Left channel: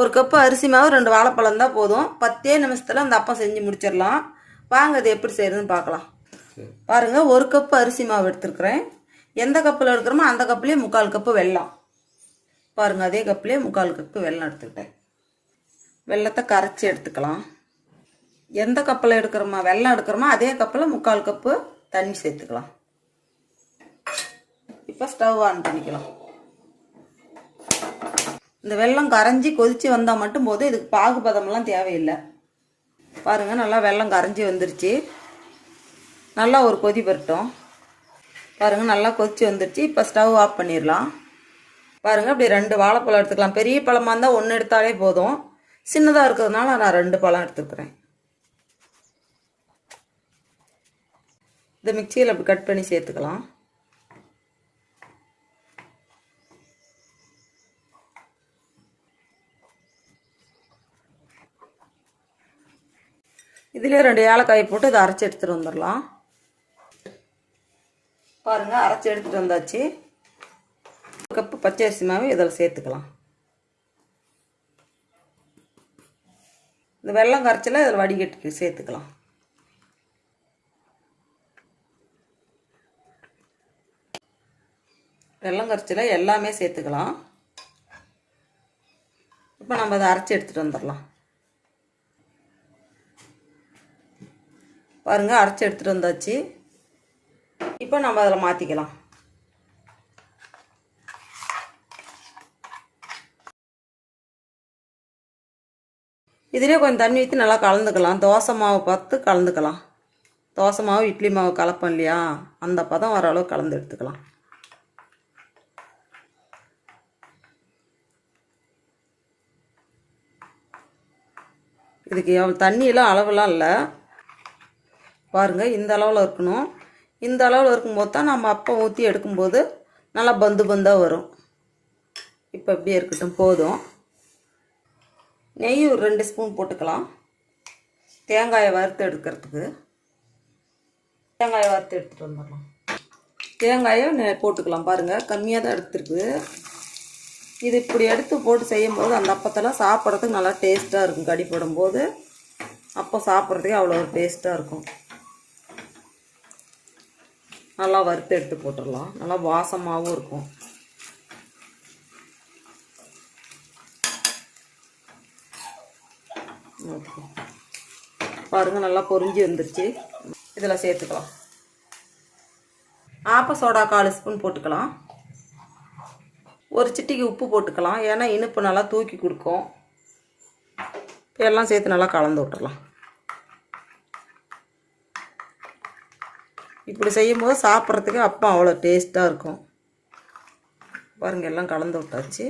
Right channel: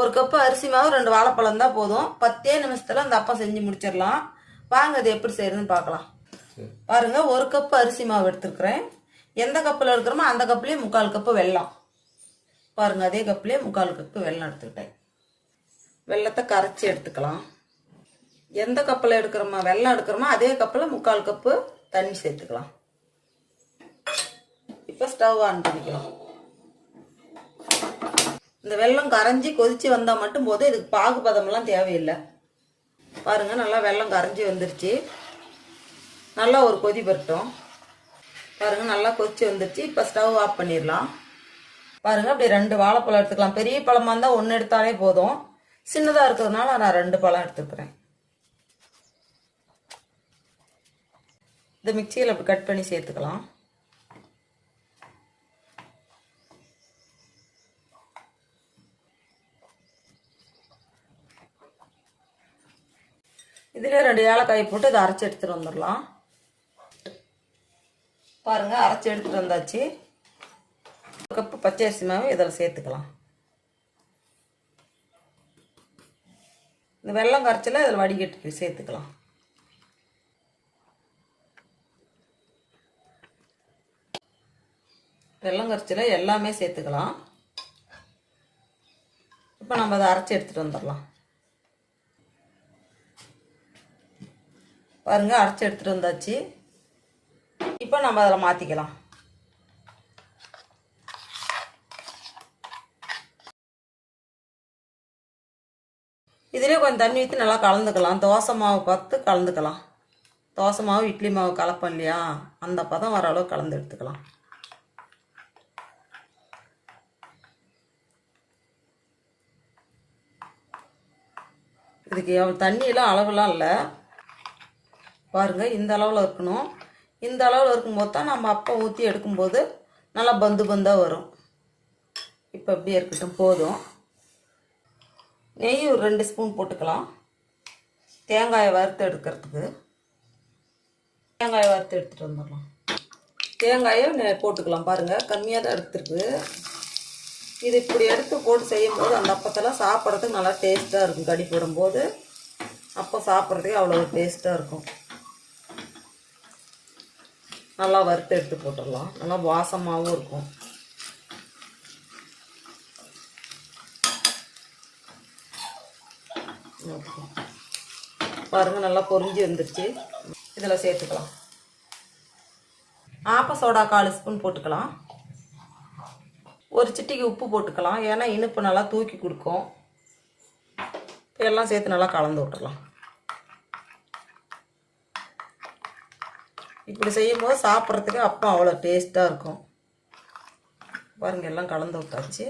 ஒரு கப்பு அரிசி மாவு ரெண்டு வாழைப்பழம் தான் போதும். பத்தே நிமிஷத்தில் அந்த அப்பம் செஞ்சு முடிச்சிடலாம். வாங்க இது எப்படி செய்யறதுன்னு பார்க்கலாம். பாருங்க ஒரு கப்பு அரிசி மாவு எடுத்துருக்குறேன். எந்த கப்பில் எடுக்கிறோமோ அந்த கப்புலேயே முக்கால் கப்பு வெல்லம். பாருங்க அதே கப்புலேயே முக்கால் கப்பு வெல்லம் எடுத்துக்கிட்டேன். வெல்லத்தை கரைச்சி எடுத்துக்கலாம். எந்த கப்பில் எடுக்கிறோமோ வெல்லம் எடுக்கிறோமோ அதே கப்பில் முக்கால் கப்பு தண்ணி சேர்த்துக்கலாம். இப்போ ஸ்டவ் ஆன் பண்ணிக்கலாம். இந்த வெல்லம் கரைஞ்சி கொதிச்சு வந்தால் மட்டும் போதும். இதுக்கு பாகுபதம்லாம் தேவையில்லை. பாருங்கள் நல்லா வெல்லம் கரைஞ்சி வந்துருச்சு. நல்லா ஒரு கொதி பெறட்டும் பாருங்கள் நல்லா கொதிச்சு வந்துருச்சு. இப்போ ஸ்டவ் ஆஃப் பண்ணிடலாம். பாருங்கள் அப்படி ரெண்டு வாழைப்பழம் எடுத்துக்கலாம். பெரிய பழமாக இருந்தால் ஒன்று எடுத்தாலே போதும். சின்னதாக இருக்கிறதுனால நான் ரெண்டு பழம் எடுத்துக்கிறேன். இந்த மிக்சியில் அப்படி கட் பண்ணி சேர்த்துக்கலாம். இதுலேயே ரெண்டு ஏலக்காய் போட்டு இதை அரைச்சி எடுத்துகிட்டு வந்துடலாம். பாருங்கள் அரைச்சி எடுத்துகிட்டு வந்தாச்சு. ஒரு கப்பு பச்சரிசி மாவு இதில் சேர்த்துக்கலாம். இந்த வெள்ளம் கரைச்சல இதில் வடிகட்டி சேர்த்துக்கலாம். வெள்ளம் கரைச்சல எல்லாமே சேர்த்துக்கலாம். இப்போ நம்ம அதை அரைச்சி எடுத்துகிட்டு வந்துடலாம். பாருங்கள் அரைச்சி எடுத்துகிட்டு வந்தாச்சு. இப்போ நம்ம அதில் மாற்றிக்கலாம் இதிலே கொஞ்சம் தண்ணி ஊற்றி நல்லா கலந்துக்கலாம். தோசை மாவு பார்த்து கலந்துக்கலாம். தோசை மாவு இட்லி மாவு கலப்போம் இல்லையா? அந்த பதம் ஓரளவு கலந்து எடுத்துக்கலாம். இதுக்கு எவ்வளோ தண்ணியெல்லாம் அளவுலாம் இல்லை. பாருங்கள் இந்த அளவில் இருக்கணும். இந்த அளவில் இருக்கும்போது தான் நம்ம அப்பம் ஊற்றி எடுக்கும்போது நல்லா பந்து பந்தாக வரும். இப்போ அப்படியே இருக்கட்டும் போதும். நெய் ஒரு ரெண்டு ஸ்பூன் போட்டுக்கலாம். தேங்காயை வறுத்து எடுக்கிறதுக்கு. தேங்காயை வறுத்து எடுத்துகிட்டு வந்துடலாம். தேங்காயை நெ- போட்டுக்கலாம் பாருங்கள் கம்மியாக தான் எடுத்துருக்கு. இது இப்படி எடுத்து போட்டு செய்யும்போது அந்த அப்பத்தெல்லாம் சாப்பிட்றதுக்கு நல்லா டேஸ்ட்டாக இருக்கும். கடி போடும்போது அப்போ சாப்பிட்றதுக்கு அவ்வளோ டேஸ்ட்டாக இருக்கும். நல்லா வறுத்து எடுத்து போட்டுடலாம். நல்லா வாசமாகவும் இருக்கும். ஓகே. பாருங்க நல்லா பொறிஞ்சு வந்துருச்சு. இதில் சேர்த்துக்கலாம். ஆப்ப சோடா கால் ஸ்பூன் போட்டுக்கலாம். ஒரு சிட்டிக்கு உப்பு போட்டுக்கலாம். ஏன்னா இனிப்பு நல்லா தூக்கி கொடுக்கும். எல்லாம் சேர்த்து நல்லா கலந்து விட்டுறலாம் இப்படி செய்யும்போது சாப்பிட்றதுக்கு அப்போ அவ்வளோ டேஸ்ட்டாக இருக்கும். பாருங்கள் எல்லாம் கலந்து விட்டாச்சு.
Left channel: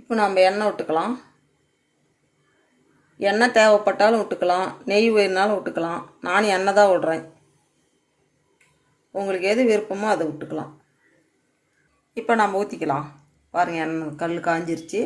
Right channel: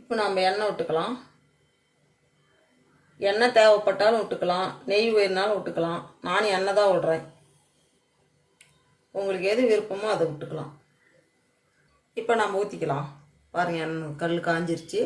இப்போ நம்ம எண்ணெய் விட்டுக்கலாம். எண்ணெய் தேவைப்பட்டாலும் விட்டுக்கலாம். நெய் வேணுனாலும் விட்டுக்கலாம். நானும் எண்ணெய் தான் விடுறேன். உங்களுக்கு எது விருப்பமோ அதை விட்டுக்கலாம். இப்போ நம்ம ஊற்றிக்கலாம் பாருங்கள் எண்ணெய் கல் காஞ்சிருச்சு.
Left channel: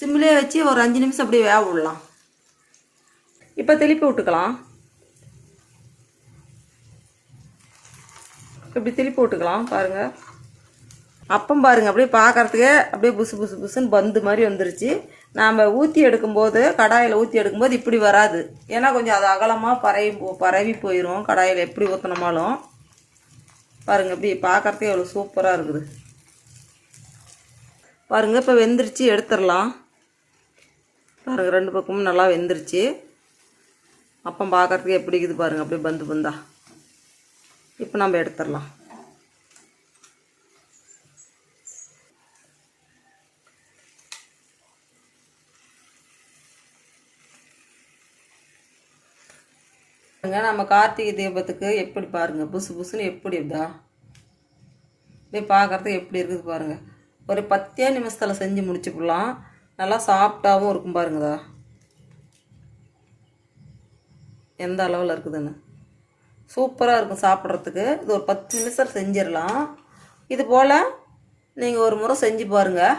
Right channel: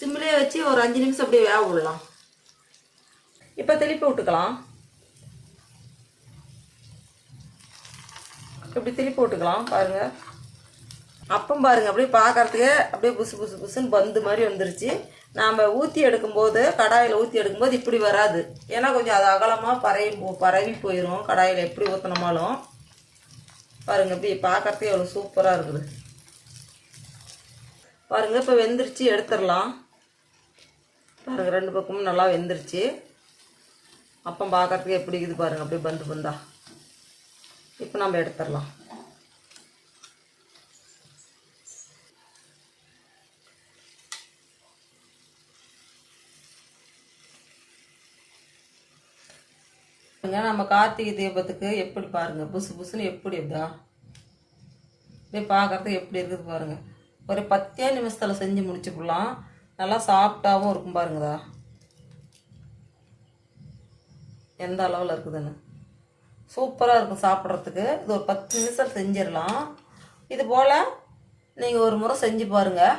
சிம்லேயே வச்சு ஒரு அஞ்சு நிமிஷம் அப்படியே வேக விடலாம். இப்போ திருப்பி விட்டுக்கலாம். இப்படி திருப்பி விட்டுக்கலாம் பாருங்கள் அப்பம் பாருங்க அப்படியே பார்க்கறதுக்கே அப்படியே புசு புசு புசுன்னு பந்து மாதிரி வந்துருச்சு. நாம் ஊற்றி எடுக்கும்போது கடாயில் ஊற்றி எடுக்கும்போது இப்படி வராது. ஏன்னா கொஞ்சம் அது அகலமாக பரவி போ பரவி போயிடும் கடாயில் எப்படி ஊற்றினோமாலும் பாருங்க இப்படி பார்க்கறதுக்கே எவ்வளோ சூப்பராக இருக்குது. பாருங்கள் இப்போ வெந்துருச்சு எடுத்துடலாம். பாருங்க ரெண்டு பக்கமும் நல்லா வெந்துருச்சு. அப்பம் பார்க்கறதுக்கு எப்படி இருக்குது பாருங்கள் அப்படியே பந்து பந்தா. இப்போ நம்ம எடுத்துடலாம். நம்ம கார்த்திகை தீபத்துக்கு எப்படி பாருங்க புசு புசுன்னு எப்படி இதுதான் அப்படியே பார்க்கறதுக்கு எப்படி இருக்குது பாருங்க. ஒரு பத்தே நிமிஷத்தில் செஞ்சு முடிச்சுக்கலாம். நல்லா சாஃப்டாகவும் இருக்கும் பாருங்கதா. எந்த அளவில் இருக்குதுன்னு. சூப்பராக இருக்கும் சாப்பிட்றதுக்கு. இது ஒரு பத்து நிமிஷம் செஞ்சிடலாம். இது போல் நீங்கள் ஒரு முறை செஞ்சு பாருங்கள்